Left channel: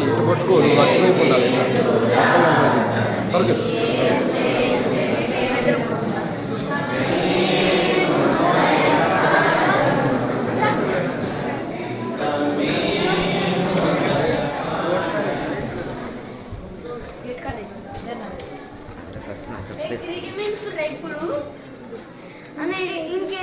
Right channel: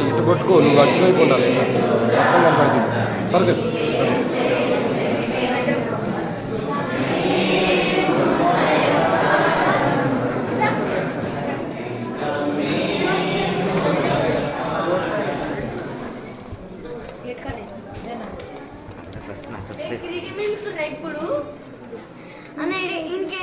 ఇటు పట్టుకో నువ్వు అటువైపు ఉండాలి తలకి ఫస్ట్ నా చెప్పేసి ఇప్పుడు ఇంకే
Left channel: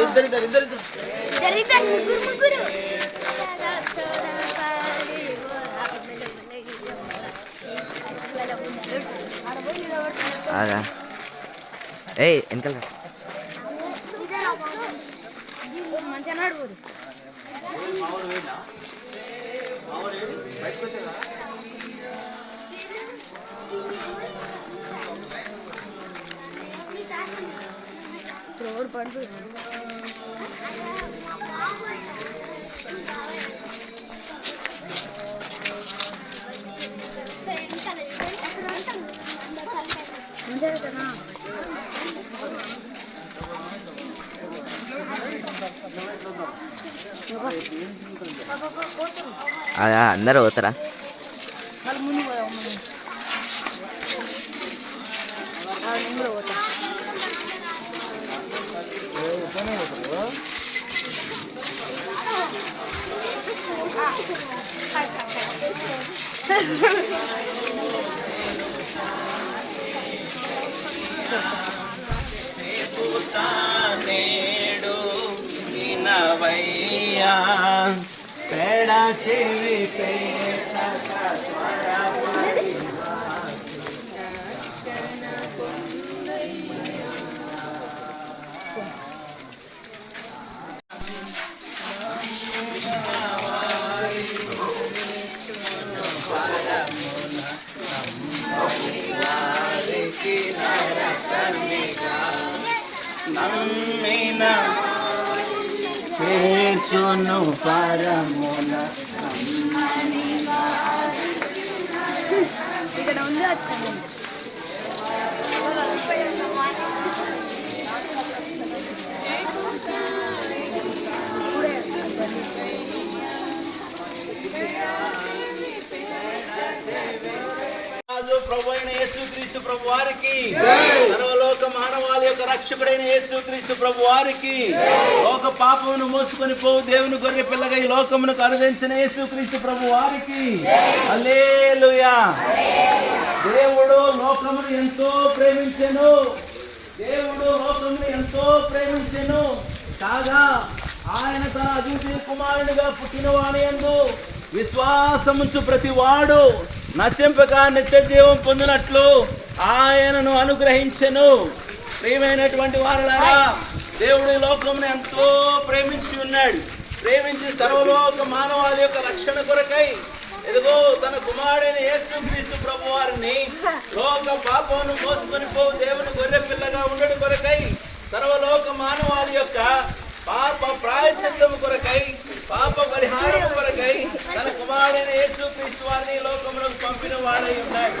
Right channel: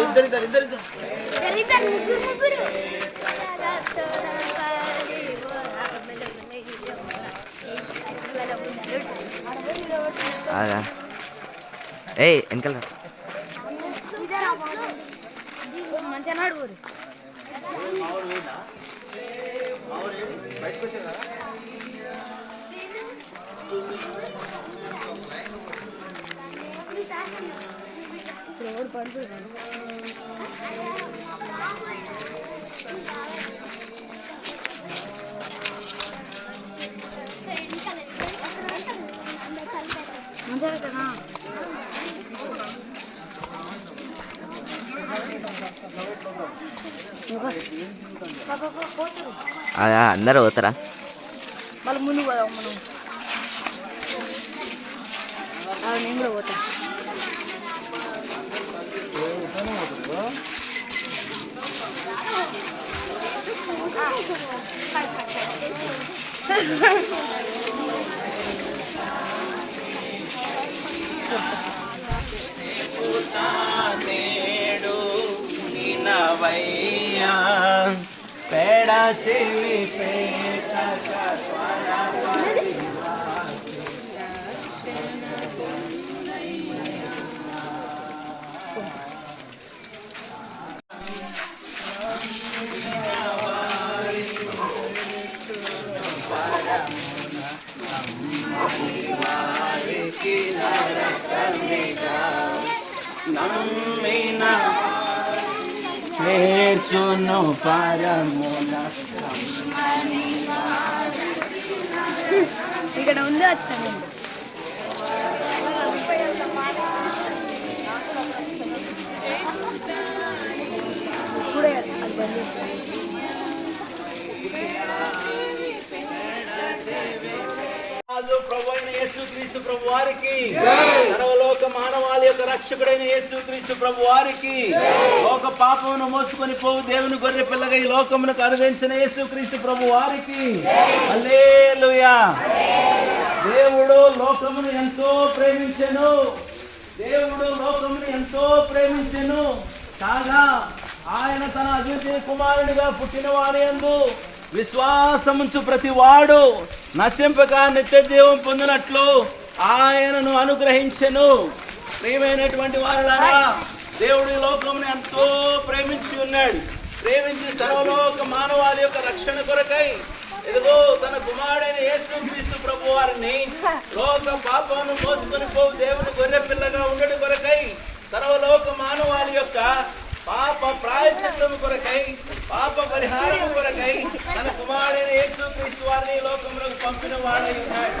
ఇద్దరు ఇద్దరు ఇద్దరు. ముగ్గురు ముగ్గురు ఏయ్ వెనకాల పండు పడుతుంది కదా అందరూ పోతారా? నేడు వినవయ్యా పేడ చెల్లి నమ్మిన. చేర్చును పరమున. ఇక్కడ ఉంది వచ్చింది రాజు ప్రభు అయిన యేసుక్రీస్తు ప్రభు వారికి సర్వలోక మానవాళి యొక్క రక్షకుడైన యేసుక్రీస్తు ప్రభు వారికి లోక పాపమును మోసుకొని పోవు దేవుని గొర్రె పిల్లగా ఈ లోకమునకు అనుదించిన యేసుక్రీస్తు ప్రభు వారికి. అల్లేలుయా దేవుడు లోకమును ఎంతో ప్రేమించెను. దేవుడు లోకమును ఎంతో ప్రేమించెను. కాగా ఆయన తన అద్వితీయ కుమారుడిగా పుట్టిన వారి యందు విశ్వాసముంచు ప్రతి వాడు నశింపక నిత్య జీవం పొందినట్లు ఆయనను అనుగ్రహించెను. ప్రియమైనటువంటి వారులారా దేవుడి లోకంని ఎంతో ప్రేమించి ఉన్నాడు. ప్రేమించి సర్వలోక మానవాళి యొక్క రక్షణ కొరకై ఇదిగో తన కుమారుడైన యేసుక్రీస్తు ప్రభు వారిని లోక పాపను మోసుకొని పోవు దేవుని గొర్రె పిల్లగా ఉండడు కొరకై సర్వలోక మానవాళి యొక్క పాప ప్రాయచిత్తము కొరకై పాప పరిహారం కొరకై తన కుమారుడైన యేసుక్రీస్తు వారిని లోకంలోకి పంపిన వాడై ఉన్నాడు.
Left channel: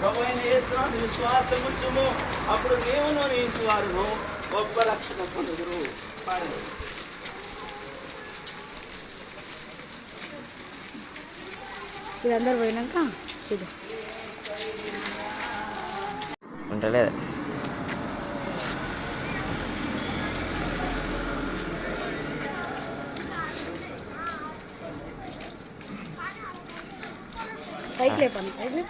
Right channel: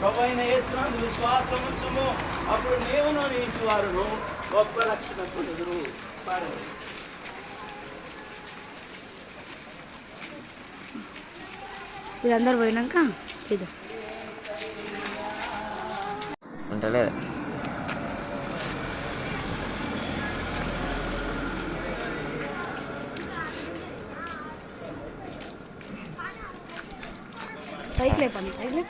ప్రభు అయిన యేసునందు విశ్వాసం ఉంచుము అప్పుడు నీవును నీ ఇంటి వారును గొప్ప రక్షణ పొందుదురు. వీళ్ళందరూ పోయినాక చేద్దాం. ఉంటలేదు పైకి లేపండి పైకి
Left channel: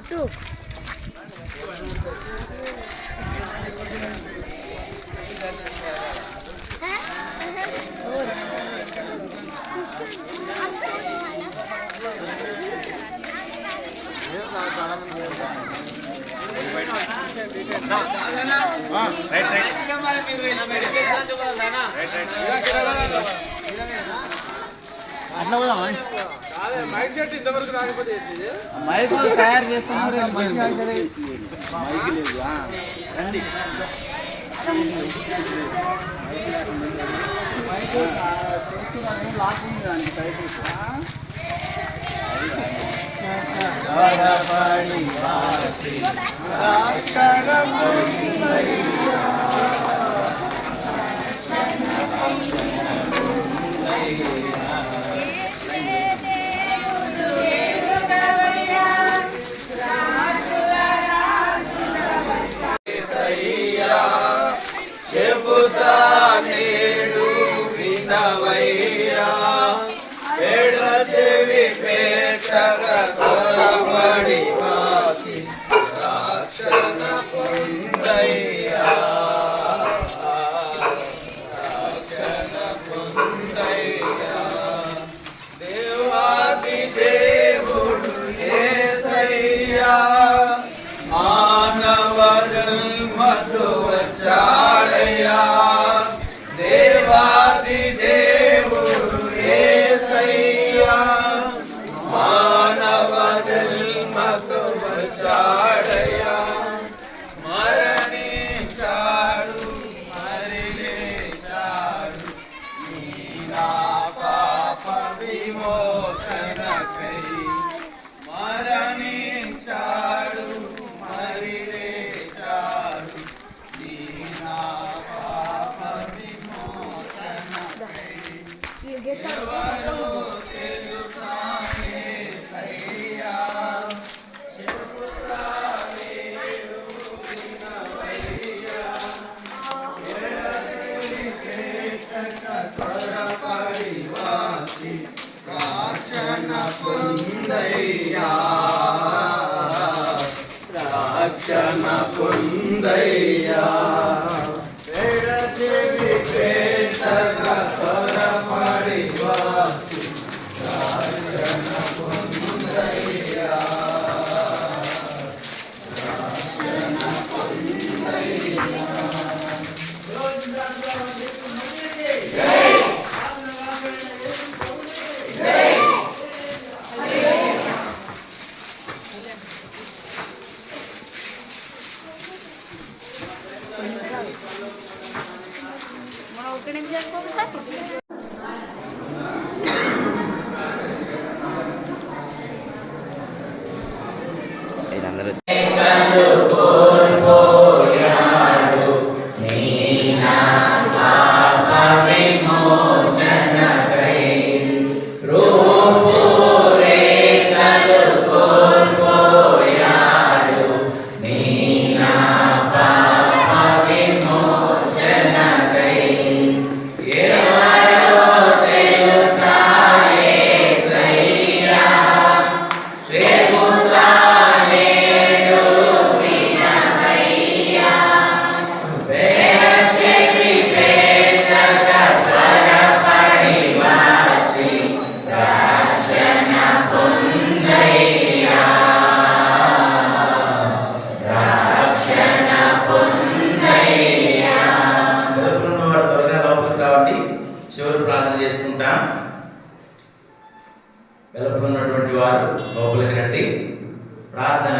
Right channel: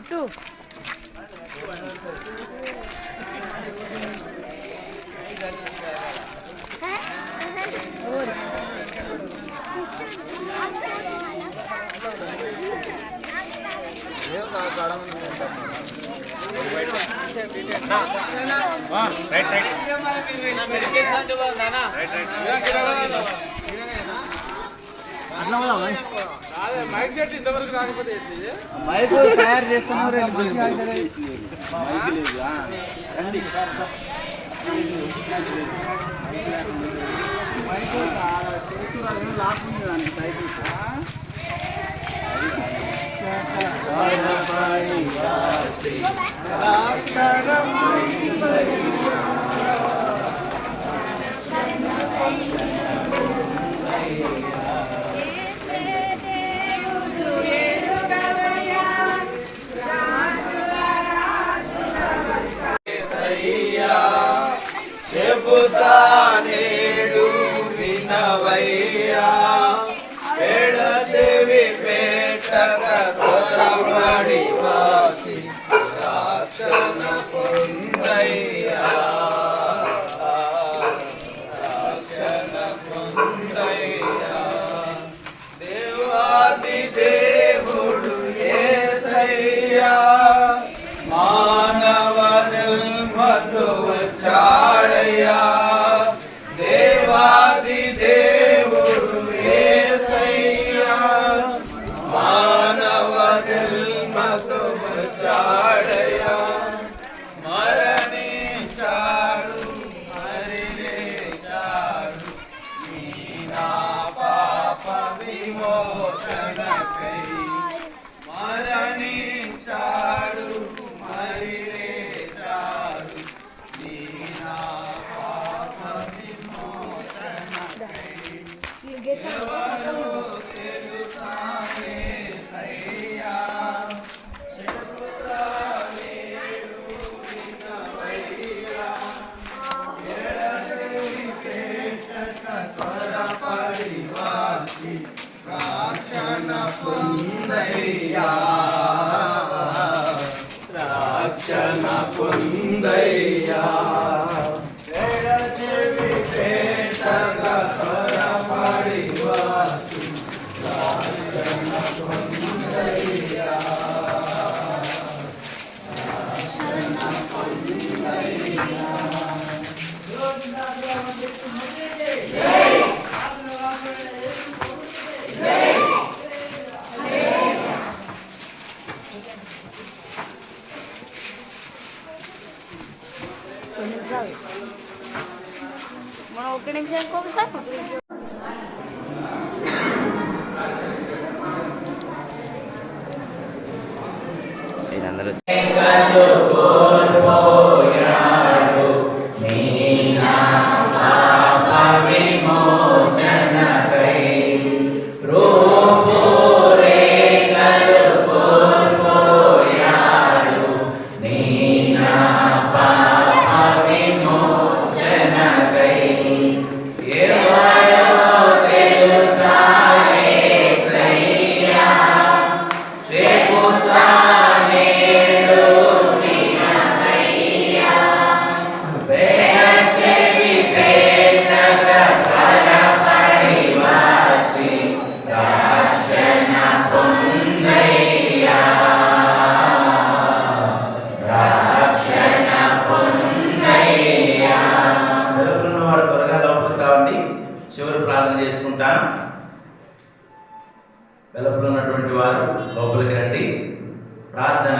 ఇటు మైక్ తయారు చేస్తున్నారు మైక్ లేదు మైక్ చేస్తున్నారు లాక్ ఉంది దానికి టైప్ మానవ పొందయ్యా. రక్షణ పొందయ్యా. ఉన్నటువంటి వారు లోపలికి రండి. ప్రార్థన.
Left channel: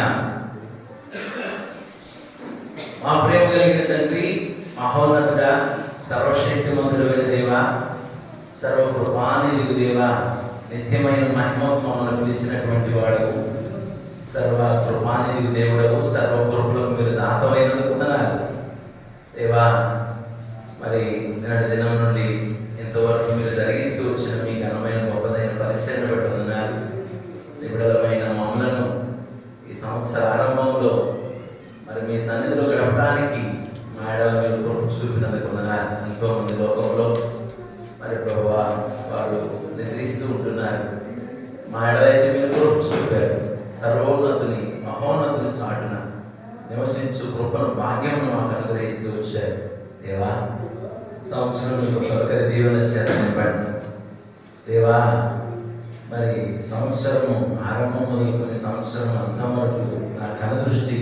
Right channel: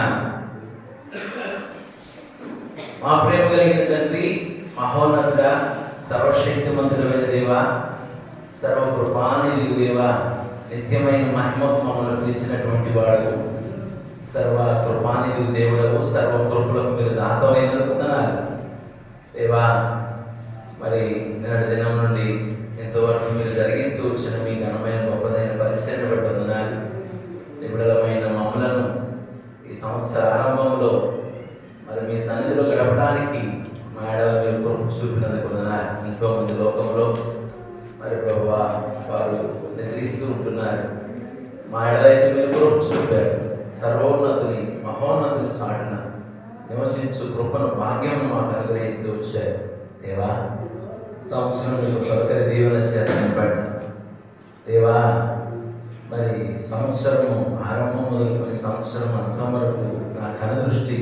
మా ప్రేమ కలిగిన తండ్రి మహోన్నతుడ సర్వశక్తిమంతుడైన దేవ సర్వకృపానిధి దేవ నిత్యమైన మహిమ మమ్మల్ని పిలిచినటువంటి వాడు సర్వ కృపానిధి దేవుడు సర్వ కృపులకు మీరు దాతమైన వందనాలు. దేవా మరి నేడు దినం నుండి ఇంతవరకు మీరు జరిగిస్తూ వచ్చిన మీ ఘనమైన దేవా సంవత్సరం మీకు ప్రకరి దీవెన చేత నింపండి దేవా మరి సంవత్సరము ఆరంభం మొదలుకొని సంవత్సరం అంతం వరకు నా కన దృష్టి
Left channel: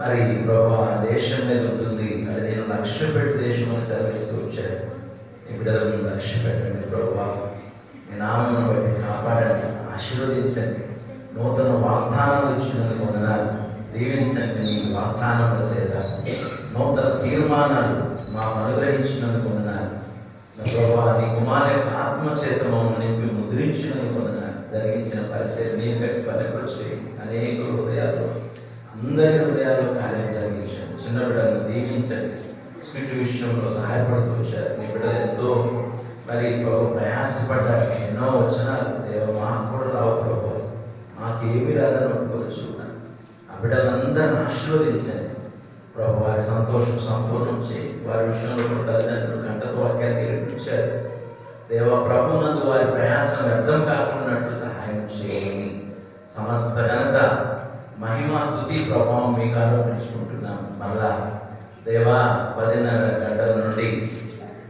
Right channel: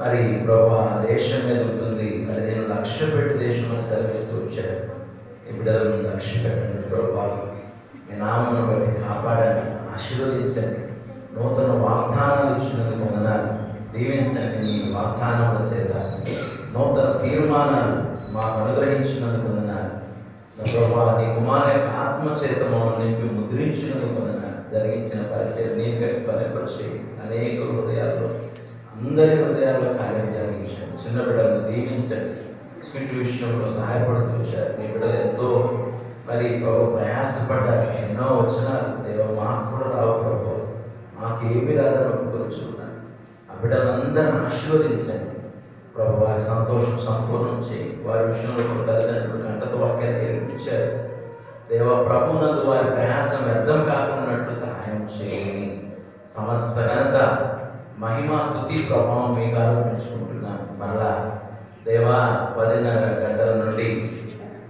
మరి ప్రభా దేశం మీద ఉంటుంది. అది నేను లక్ష్య పెట్టి దేశం అని సెలవిస్తూ వచ్చాను ఇప్పుడు లక్ష్య పెట్టండి ప్రభా మీ నామను బట్టి కాపాడండి ఆశీర్వదించండి. నూతన వాగ్దానాలు ఇచ్చినందుకు వందనాలు. దీవించండి మీ వాగ్దానాల చేత నూతన తీర్మానాలు మాకు అనుగ్రహించినందుకు నీ కుమార్ యొక్క ఆత్మ చేత మమ్మల్ని నింపి ముద్రించినందుకు జరిగించిన పరిచయం నీ గట్టి పనిపరిచి అనేక హృదయాల్లో అందరి హృదయాల్లో కార్యం జరిగించండి చిన్న బిడ్డలను దీవించండి. స్పిట్ విషయంలో సహాయపడుతూ వచ్చారు. నీ బిడ్డలు ఎంతో మరి ప్రభు ప్రయాసపడ్డారు. ఎన్నో వచనాలు దేవ మాకు కూడా రావు ప్రభు. మాకేమీ ఏమి అందరిని ఆశీర్వదించండి. ప్రభు వారి సంతోషం సంపూర్ణం చేయి. వారి విషయంలో కూడా తల్లిదండ్రులు గంటతో వాక్యాన్ని నిర్మించారు దేవ ప్రభునందు వారి ప్రయాసం వ్యర్థం కాకుండా సహాయం చేయని సమస్త ఘనత మహిమా స్థుతి ప్రభావం మీకు ఆరోపించుకుంటున్నాం మరలా దేవా పదిన్నర గంటల నుండి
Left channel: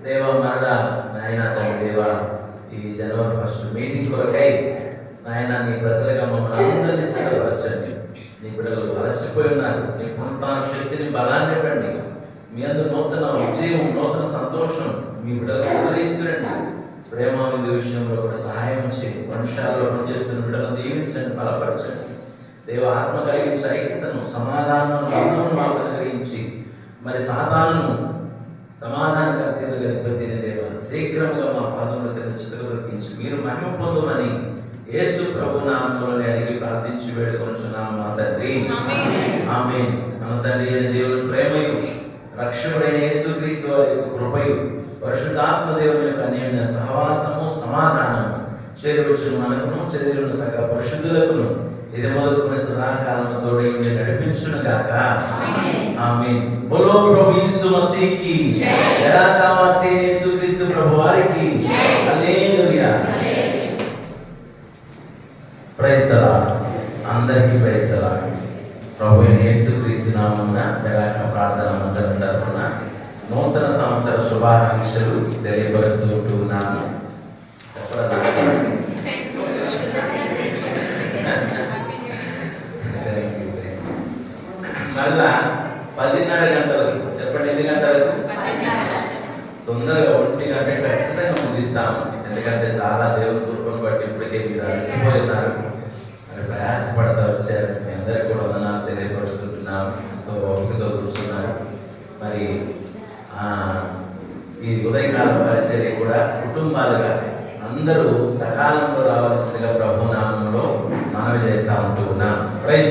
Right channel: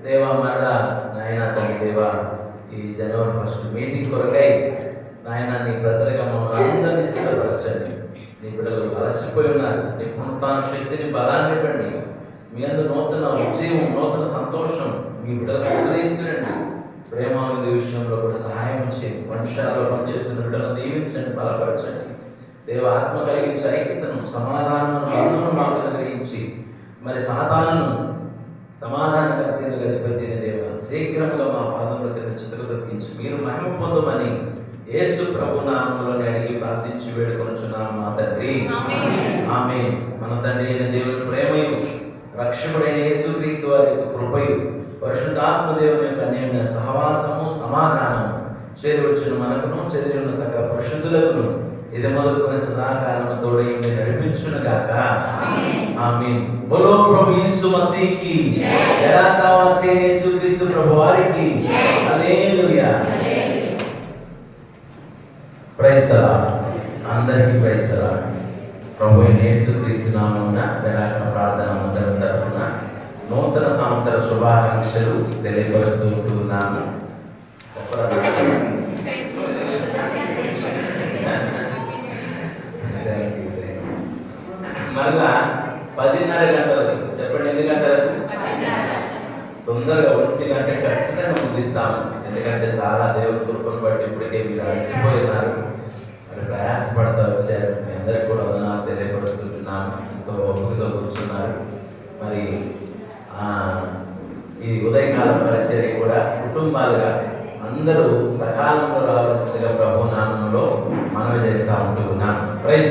దేవా మరలా నాయన తన దేవా ఈ జనవరి ఫస్ట్ మీటింగ్ కొరకై నాయన నీ ప్రజలుగా మమ్మల్ని అందరినీ సిద్ధపరచండి. నీ బిడ్డలు అలసిపోయి ఉన్నారు నీ పునరుత్థాన శక్తిని బలాన్ని ఇవ్వండి. మీ అందు నూతన విజయం నూతన సంతోషం మీ బిడ్డలకు అనుగ్రహిస్తురండి ప్రేమ విందు విషయంలో కూడా సహాయం చేయండి వంశాలలో పనిచేస్తున్న బిడ్డలను దీవించండి బలపరచండి. దేవ ఆత్మ కలిగించి ఐక్యతను సమాధానం బంధమును మాకు అనుగ్రహించి మరి సాధారణను సమాధాన కర్తీలు గతిపతిని దేవ శీఘ్రంగా మా పాదంలో కింద చిత్రకర్పించి మీరు మహిమ పొందమని యేసు ప్రభు నామంలోనే అడిగి ప్రార్థించి వేడుకొంచున్నాము మా తండ్రి. ఆమె మన తండ్రి అయిన దేవుని ప్రేమయు రక్షకుడైన యేసు క్రీస్తు వారి యొక్క కృపయు పరిశుద్ధాత్మ దేవుని యొక్క అన్యోన్య సహవాసము సమాధానము చేరువచ్చిన మనకును చేరున్న సకల పరిశుద్ధులకును. ఇది మొదలుకొని సదాకాలము తోడి నడిపించును గాక. ఆమె బోలో ప్రభు యేసు మసీకి ఎలా కావాల్సి యేసు క్రీస్తు ప్రభు వారికి హల్లెలూయా ప్రైజ్ ద లార్డ్ అందరికీ ప్రైజ్ ద లార్డ్ ప్రభు అయిన యేసు క్రీస్తు నామమున ప్రకాశ ప్రార్థన మందిరం తరఫున నూతన సంవత్సర శుభాకాంక్షలు తెలియపరుస్తూ ఉన్నాను మళ్ళా పదిన్నర గంటలకు చెప్పండి ఎన్ని గంటలకు తొందరగా ఒంటి గంట ఖచ్చితంగా ముగిస్తాము ఎందుకంటే చాలా దేవుని కృపను బట్టి ఇప్పటికే మీరు అలసిపోయినారు. మరి ప్రయాసపడతా వచ్చారు. మీ అందరికి కూడా వందనాలు తెలియపరుస్తుంటున్నాము ఎంతో ఓపికతో కూర్చున్నారు. మరి ఈ ఉదయకాల పరిచర్య కూడా కుటుంబాలుగా అందరూ సకాలంలో రావాల్సిందిగా ప్రభు నామంలో మనవి చేస్తూ ఉంటూ ఉన్నాం ప్రైజ్